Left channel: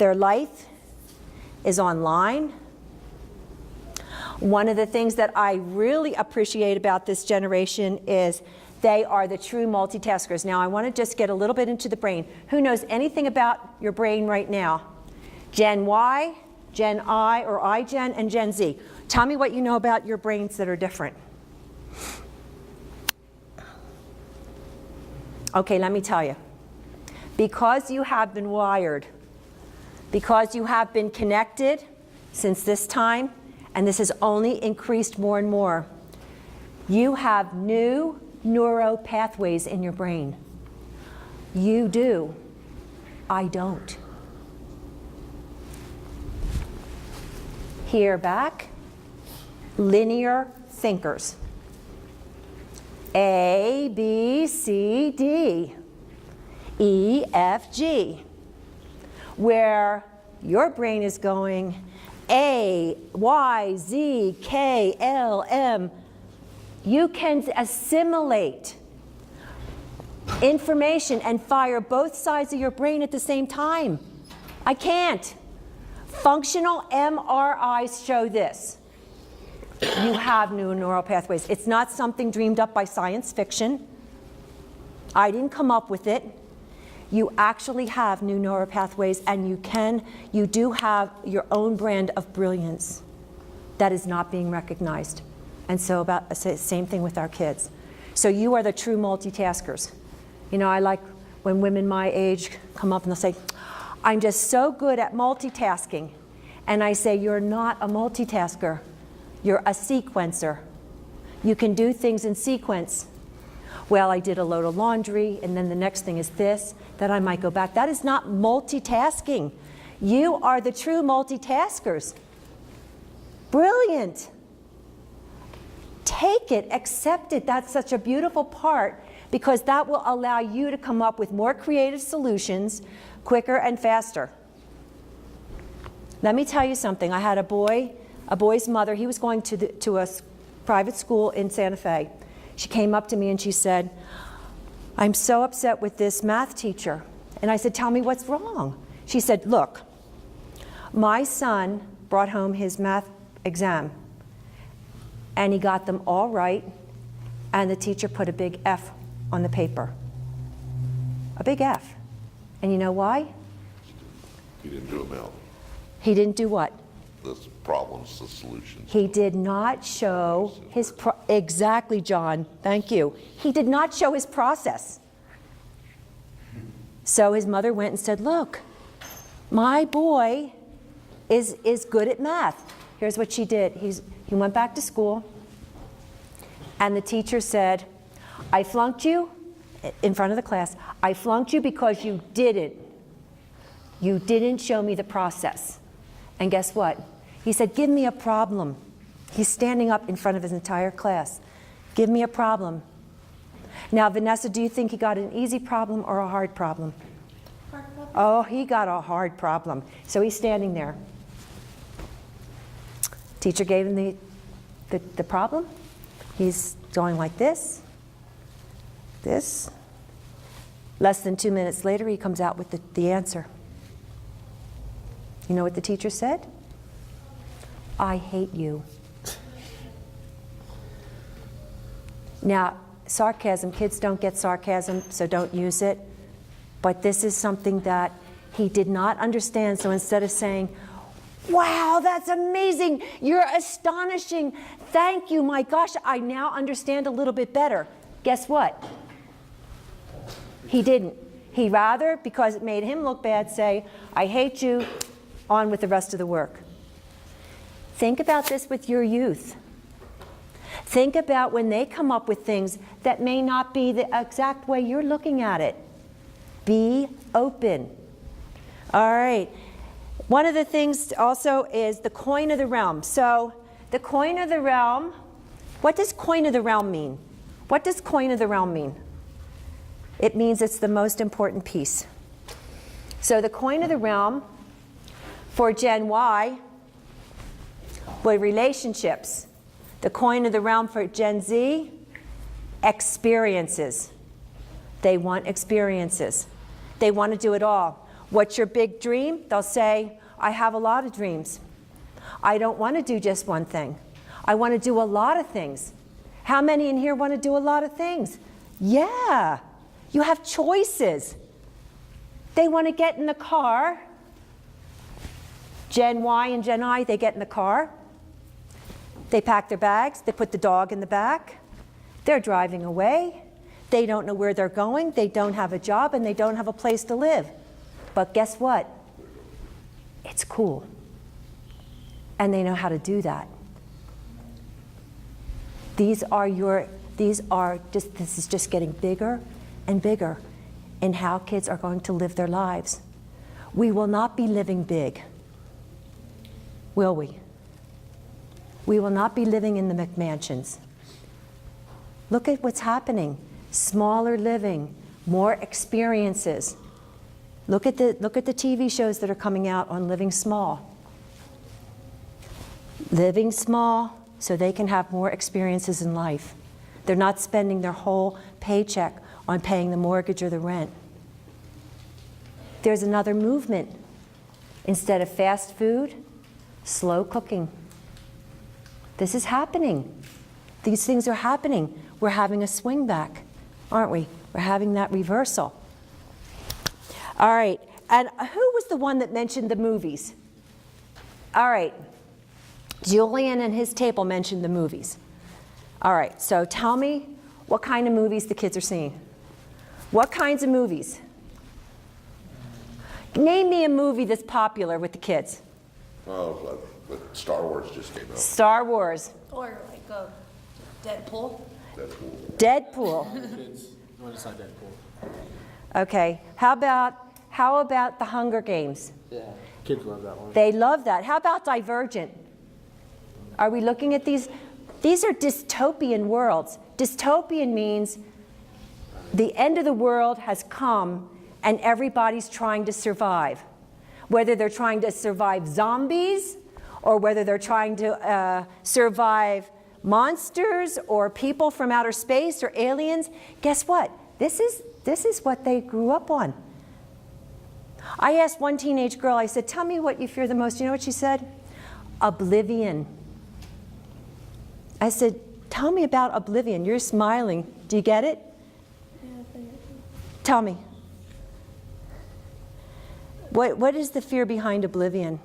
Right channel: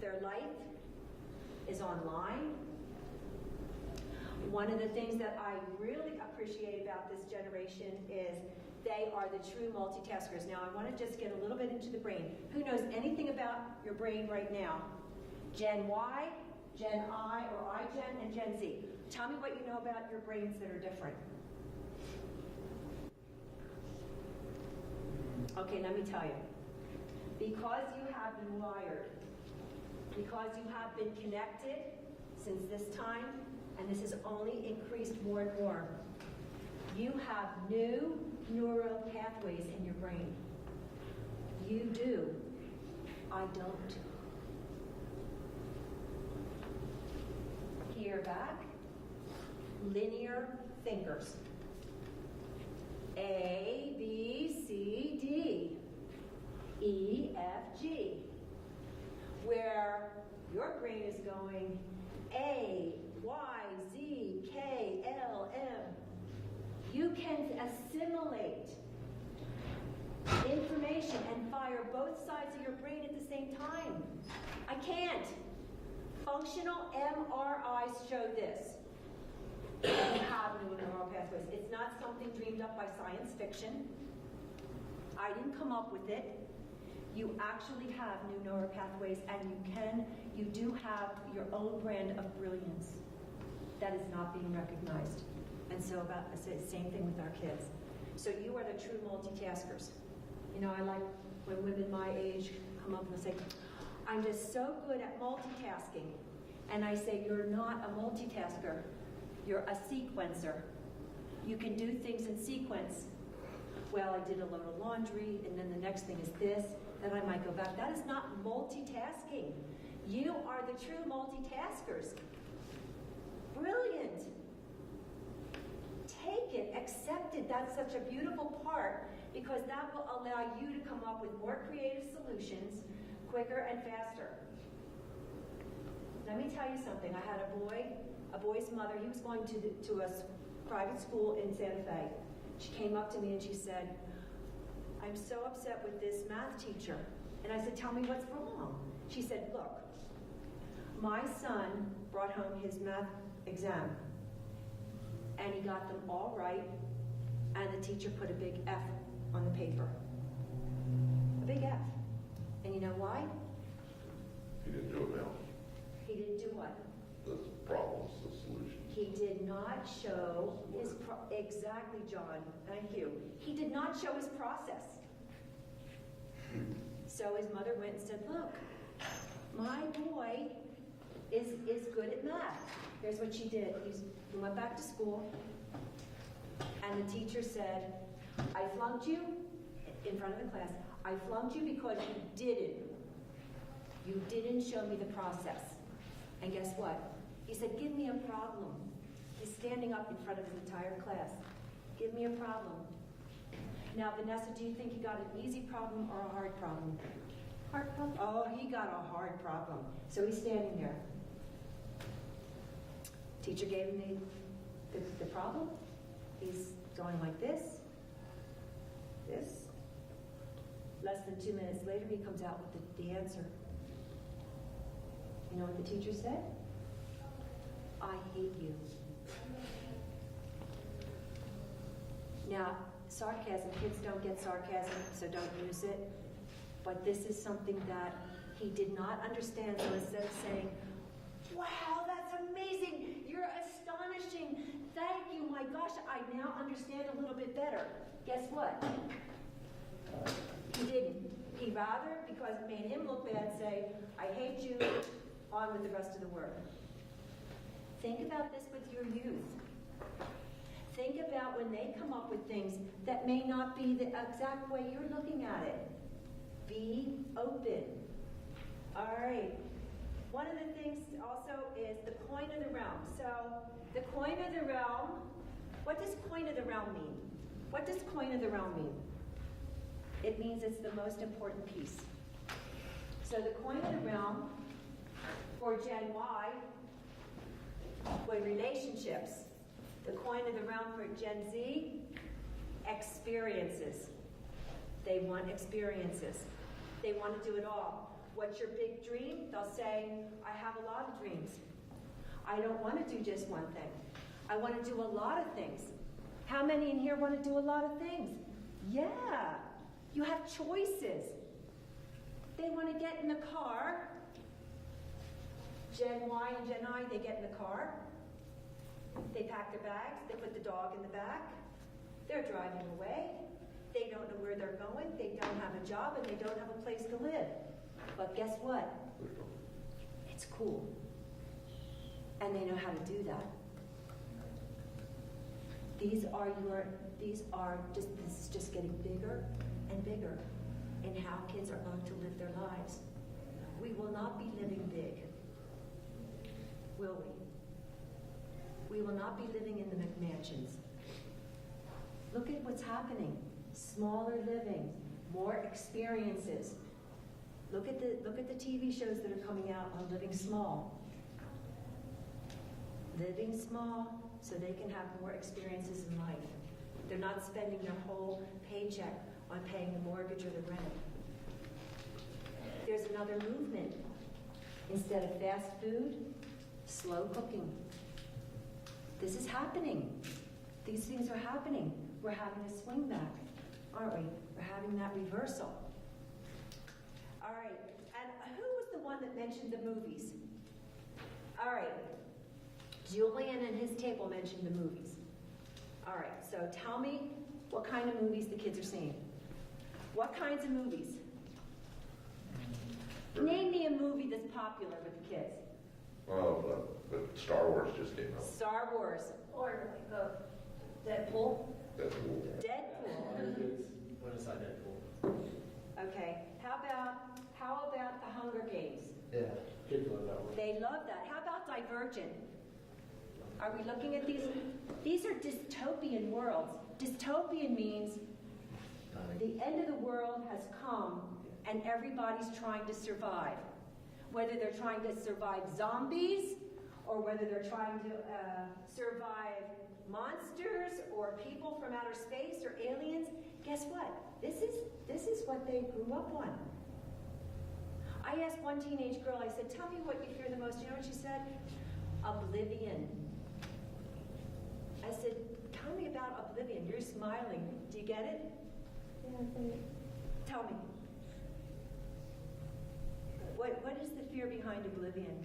Their life is online. One of the things that I really appreciate about this generation is they are the true multitaskers. Now, I want to just get a little bit into the brain. Who knows anything about your brain right now? Gen Y, Gen I, or iGen, and Gen Z. Tell me what you know about your brains that are different. Okay, let me tell you. Because you have been wired, because you have been connected since this time, and this has only increased more and more, you have new neuro pathways in your brain. You do. I don't. Here back, linear thinkers. A, B, C, D, E, F, G. Where your brain is going A, Y, Z, K, L, M. You can assimilate information and fire both sides of your brain at the same time. I can't. Functional MRIs show this. You have new neural pathways. It's not something dreamed up by science fiction. I didn't come up with it. You actually have new neural pathways, and you do have your own brand of brilliance that is not being recognized. And so about the same thing with our kids. So you are the true multitaskers. You know, I like when women my age come up and they'll say, I'm just so good at multitasking. And I say, you're not a multitasker. You're a sequencer. You can do things in sequence. Well, I did a load of laundry, and then the next thing is this, then I might go back. That is not multitasking. You are the true multitaskers. Brilliant. Take it, accept it. That's such a beautiful part, because that will allow you to come up with more creative solutions quicker and faster. Let me tell you something. I had a boy's mother. He was going to a private school in Santa Fe. She came up to me and she said, I'm so upset with this math teacher. And I said, tell me what's wrong. She said, look, my son brought home his math exam, and he got them all right, and the teacher put a big F on the paper. A big F. And you know why? He didn't do it well. He didn't do what? The problems, the solutions. He did not show his, exactly, John, thank you. He did not show his process. So his mother went and said, look, my boy is good at math. Here's what she did. He went back to school, and the teacher said, I flunked you in front of the class. I flunked you because you didn't show me the process. And guess what? He said, give me a problem. He's standing up in front of his entire class. Give me a problem. Now, Vanessa, do you think he got an easy problem or a hard problem? Hard problem. Oh, he got a hard problem. So he's standing there. Teacher gave him the problem. He's going like this, this. Less than 2 minutes later, he comes out with the answer. You know what the teacher said? I hate you. Now, sarcasm, kids don't get sarcasm, so don't use it. But this is something that he did not understand, so instead of saying, wow, that's amazing, you're astonishing, thank you, my gosh, I now understand a little bit better. Guess what? He didn't. He rather, because it made him look bad, say, I hate you, on with the rest of the work. Think about this with your youth. Think about when they come up with things that may not be the exact way you're looking at it. Be open. All right. One of the things also is the coin of the realm. So the coin of the realm, what does coin of the realm mean? What does coin of the realm mean? It means it's the most important piece. So the coin of the realm for Gen Y were relationships. The coin of the realm for Gen Z, experiences. They want experiences. They want to do it all. What's your big dream? They'll say, I have a lot of dreams. I don't want to do just one thing. I want to do a lot of things. How many in here want to do a lot of things? Yeah, you have choices. They want to get in the car. Gen Y and Gen I, they get in the car. They pack their bags. They put the dog in the back. They're driving away. They don't know where they're going. They don't have a job, and they don't have a place to live. But guess what? It's cool. And they know how to do that. This is just getting bigger and bigger in how kids are going to live their lives. We will not be living big, will we? We will not be living in the McMansions. Look at what's happening. Smaller living, more experiences. Look at the TV shows that are coming out on living small. Living small so they can have more experiences in life. They're not spending their whole paycheck on paying the mortgage or the rent. There's another movement. Instead of fast food, slow cooking. This is happening. These things are happening. We're having a swing back, aren't we? We're having that reversal. All right, and who was the one that mentioned the movies? All right, Julian and his table mentioned the movies. All right, so tell me what kind of movies the kids are seeing. What kinds of movies? Name me a movie that's popular with the kids. Oh, but Star Wars just came out. Star Wars. Or like a Deadpool. Deadpool. No, it's not Deadpool. Okay, how about the Hunger Games? Yeah, kids love that one. They love that. How about Divergent? Are we looking at these? These are dystopian worlds. Dystopian means the end of the world has come and everybody's trying to survive. Whether they're trying to survive zombies or whether they're trying to survive monsters or people from outer space or aliens, guess what? This is what they grew up on. I asked one teenage girl, I said, tell me what you fear the most. You know what she said? Oblivion. I said, tell me about oblivion. You're smiling. Do you get it? Yeah, Tell me. What is the fear behind oblivion?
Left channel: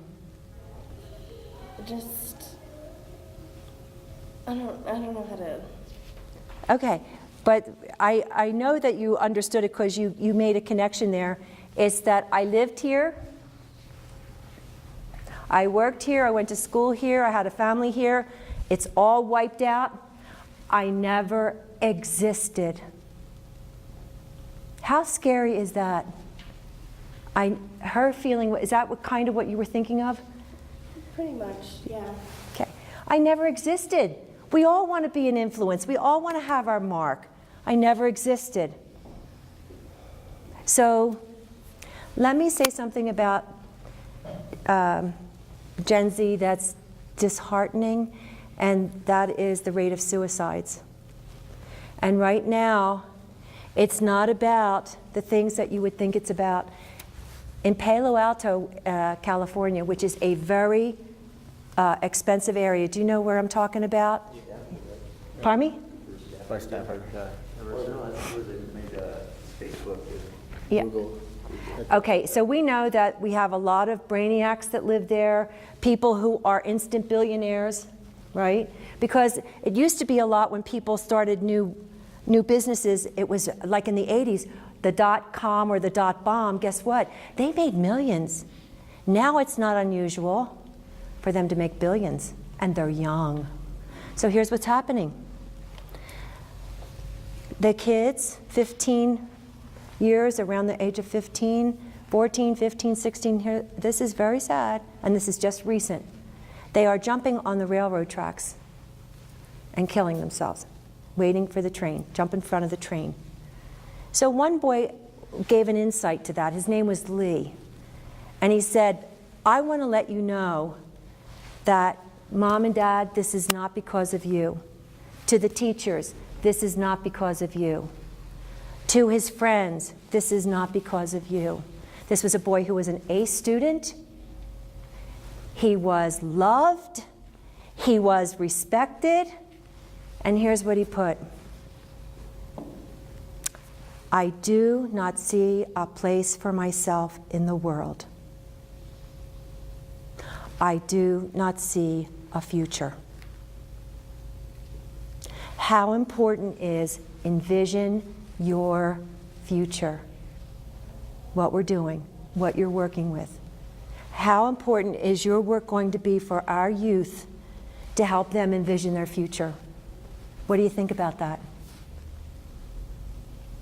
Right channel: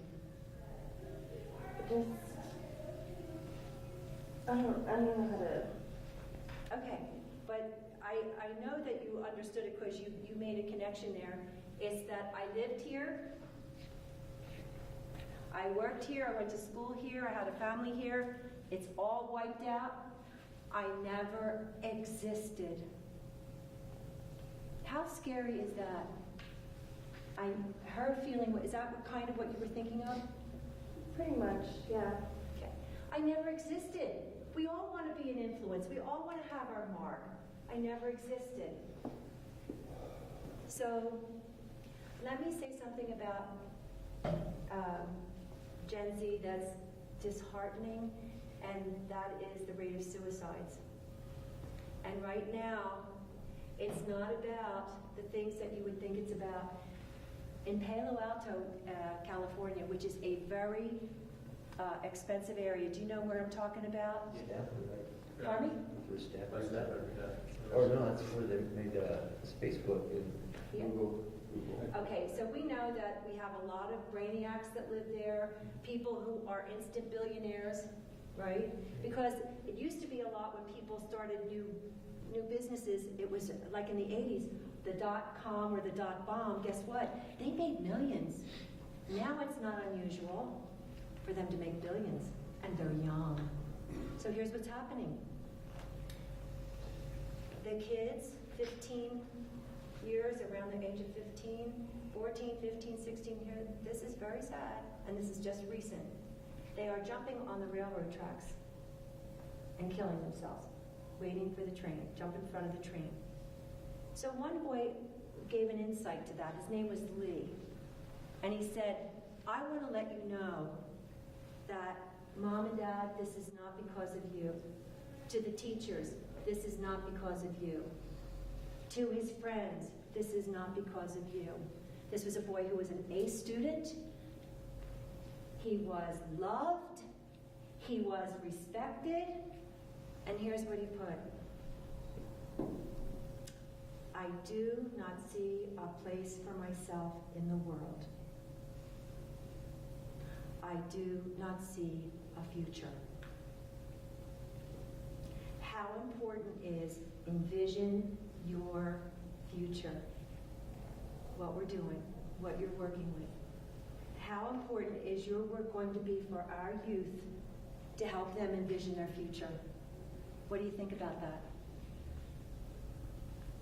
just I don't know how to. Okay, but I know that you understood it because you made a connection there. It's that I lived here, I worked here, I went to school here, I had a family here. It's all wiped out. I never existed. How scary is that? Her feeling, is that kind of what you were thinking of? Pretty much, yeah. Okay. I never existed. We all want to be an influence. We all want to have our mark. I never existed. So let me say something about Gen Z that's disheartening, and that is the rate of suicides. And right now, it's not about the things that you would think it's about. In Palo Alto, California, which is a very expensive area, do you know where I'm talking about? Pardon me? My staff already got Facebook. Yeah. Okay, so we know that we have a lot of brainiacs that live there, people who are instant billionaires, right? Because it used to be a lot when people started new businesses, it was like in the 80s, the .com or the .bomb, guess what? They made millions. Now it's not unusual for them to make billions, and they're young. So here's what's happening. The kids, 15 years, around the age of 15, 14, 15, 16, here, this is very sad, and this is just recent. They are jumping on the railroad tracks and killing themselves, waiting for the train, jump in front of the train. So one boy gave an insight to that. His name was Lee. And he said, I want to let you know that Mom and Dad, this is not because of you. To the teachers, this is not because of you. To his friends, this is not because of you. This was a boy who was an A student. He was loved. He was respected. And here's what he put. I do not see a place for myself in the world. I do not see a future. How important is envision your future? What we're doing, what you're working with. How important is your work going to be for our youth to help them envision their future? What do you think about that?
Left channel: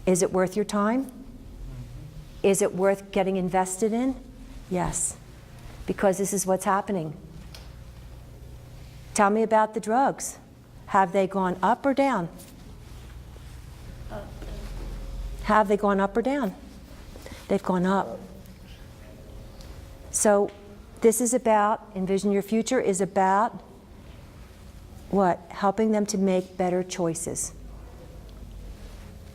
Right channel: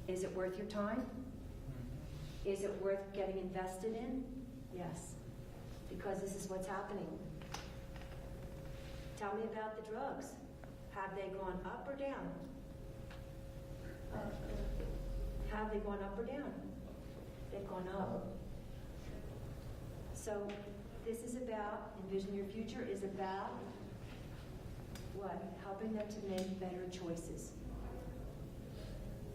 Is it worth your time? Is it worth getting invested in? Yes, because this is what's happening. Tell me about the drugs. Have they gone up or down? Have they gone up or down? They've gone up. So this is about, envision your future is about what? Helping them to make better choices.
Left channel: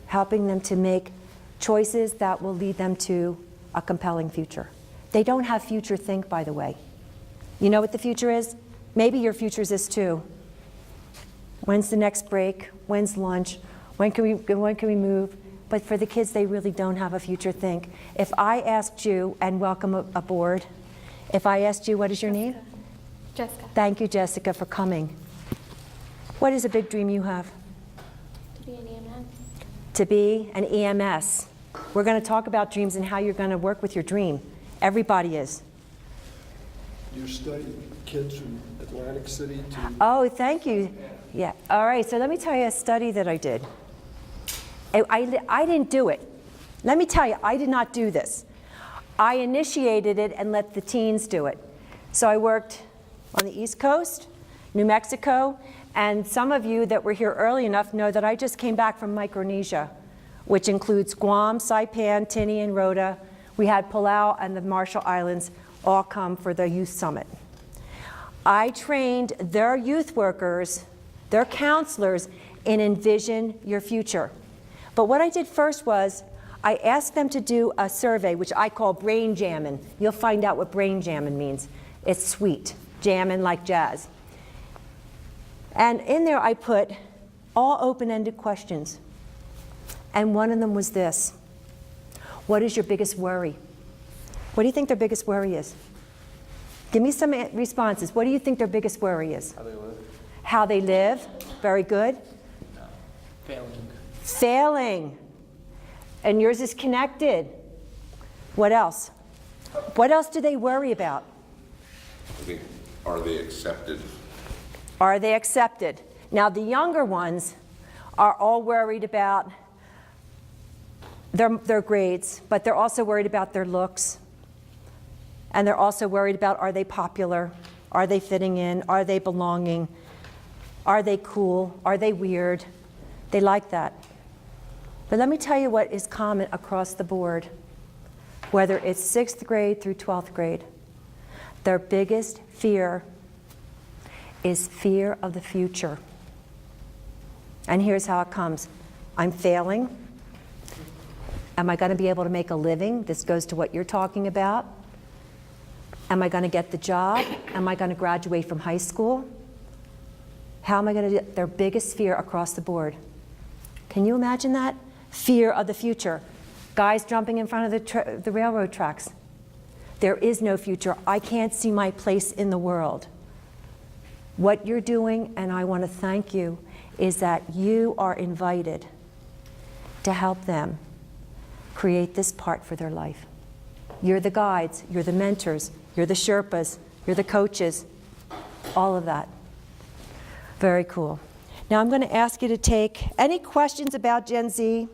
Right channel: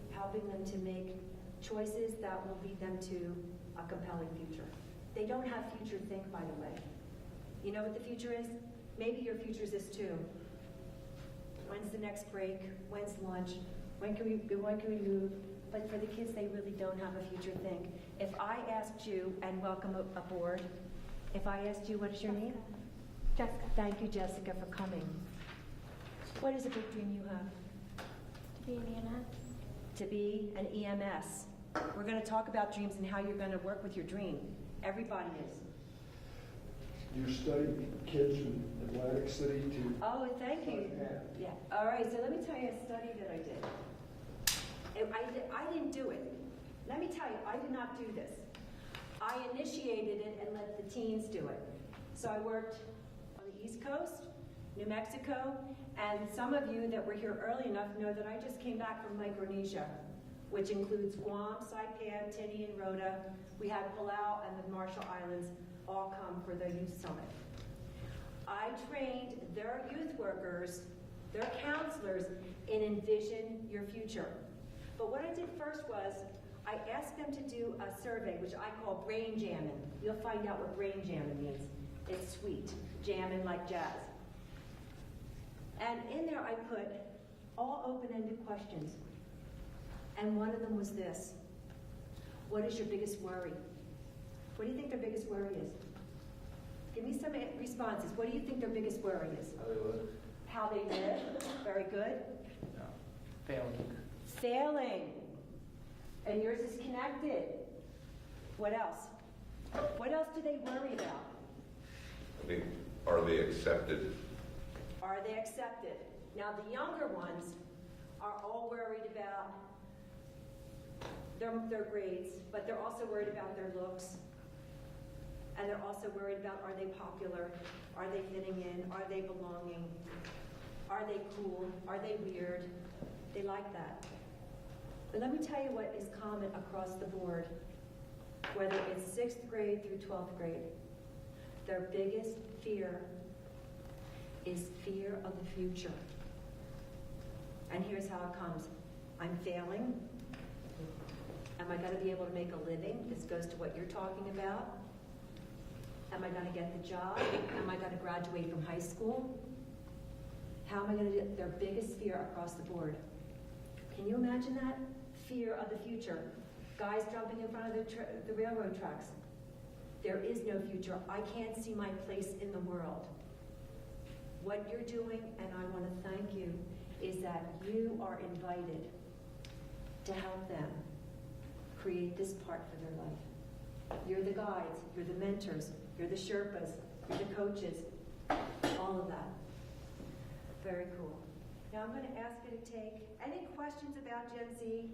Helping them to make choices that will lead them to a compelling future. They don't have future think, by the way. You know what the future is? Maybe your future is this too. When's the next break? When's lunch? When can we move? But for the kids, they really don't have a future think. If I asked you, and welcome aboard, if I asked you, what is your name? Jessica. Thank you, Jessica, for coming. What is a big dream you have? To be an EMS. To be an EMS. We're going to talk about dreams and how you're going to work with your dream. Everybody is. You study kids from Atlantic City to... Oh, thank you. Yeah. All right, so let me tell you a study that I did. I didn't do it. Let me tell you, I did not do this. I initiated it and let the teens do it. So I worked on the East Coast, New Mexico, and some of you that were here early enough know that I just came back from Micronesia, which includes Guam, Saipan, Tinian, and Rota. We had Palau and the Marshall Islands all come for the youth summit. I trained their youth workers, their counselors, in Envision Your Future. But what I did first was I asked them to do a survey, which I call brain jammin'. You'll find out what brain jammin' means. It's sweet, jammin' like jazz. And in there I put all open-ended questions. And one of them was this. What is your biggest worry? What do you think their biggest worry is? Give me some responses. What do you think their biggest worry is? How they live. How they live. Very good. Failing. Failing. And yours is connected. What else? What else do they worry about? I mean, are they accepted? Are they accepted? Now, the younger ones are all worried about their grades, but they're also worried about their looks. And they're also worried about, are they popular? Are they fitting in? Are they belonging? Are they cool? Are they weird? They like that. But let me tell you what is common across the board, whether it's 6th grade through 12th grade. Their biggest fear is fear of the future. And here's how it comes. I'm failing. Am I going to be able to make a living? This goes to what you're talking about. Am I going to get the job? Am I going to graduate from high school? How am I going to do it? Their biggest fear across the board. Can you imagine that? Fear of the future. Guys jumping in front of the railroad tracks. There is no future. I can't see my place in the world. What you're doing, and I want to thank you, is that you are invited to help them create this part for their life. You're the guides, you're the mentors, you're the Sherpas, you're the coaches, all of that. Very cool. Now I'm going to ask you to take any questions about Gen Z.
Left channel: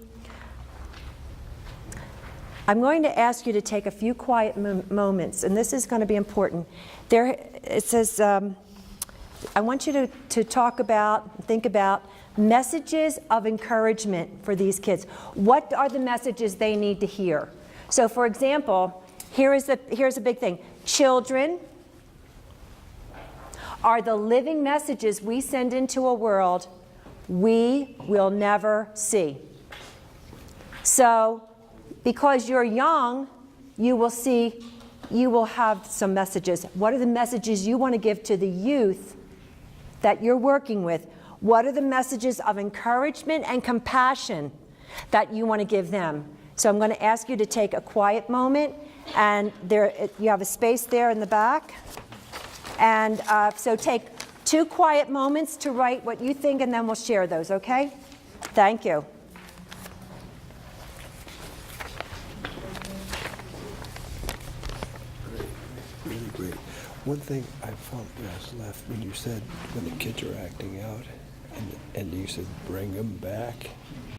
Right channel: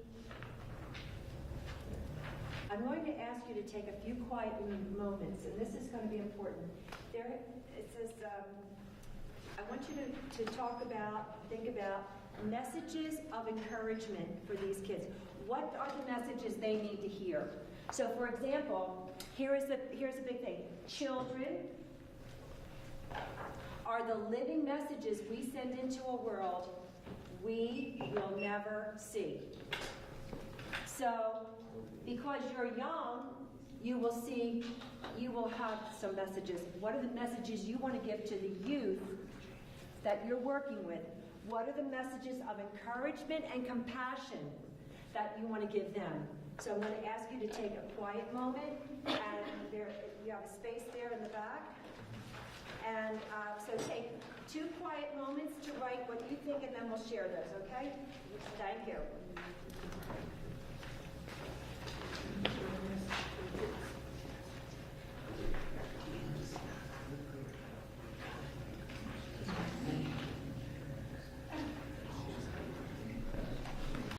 I'm going to ask you to take a few quiet moments, and this is going to be important. There, it says, I want you to talk about, think about messages of encouragement for these kids. What are the messages they need to hear? So for example, here's a big thing. Children are the living messages we send into a world we will never see. So because you're young, you will see, you will have some messages. What are the messages you want to give to the youth that you're working with? What are the messages of encouragement and compassion that you want to give them? So I'm going to ask you to take a quiet moment, and there, you have a space there in the back. And so take 2 quiet moments to write what you think, and then we'll share those, okay? Thank you. Really great. One thing I found was left when you said when the kids are acting out, and you said bring them back.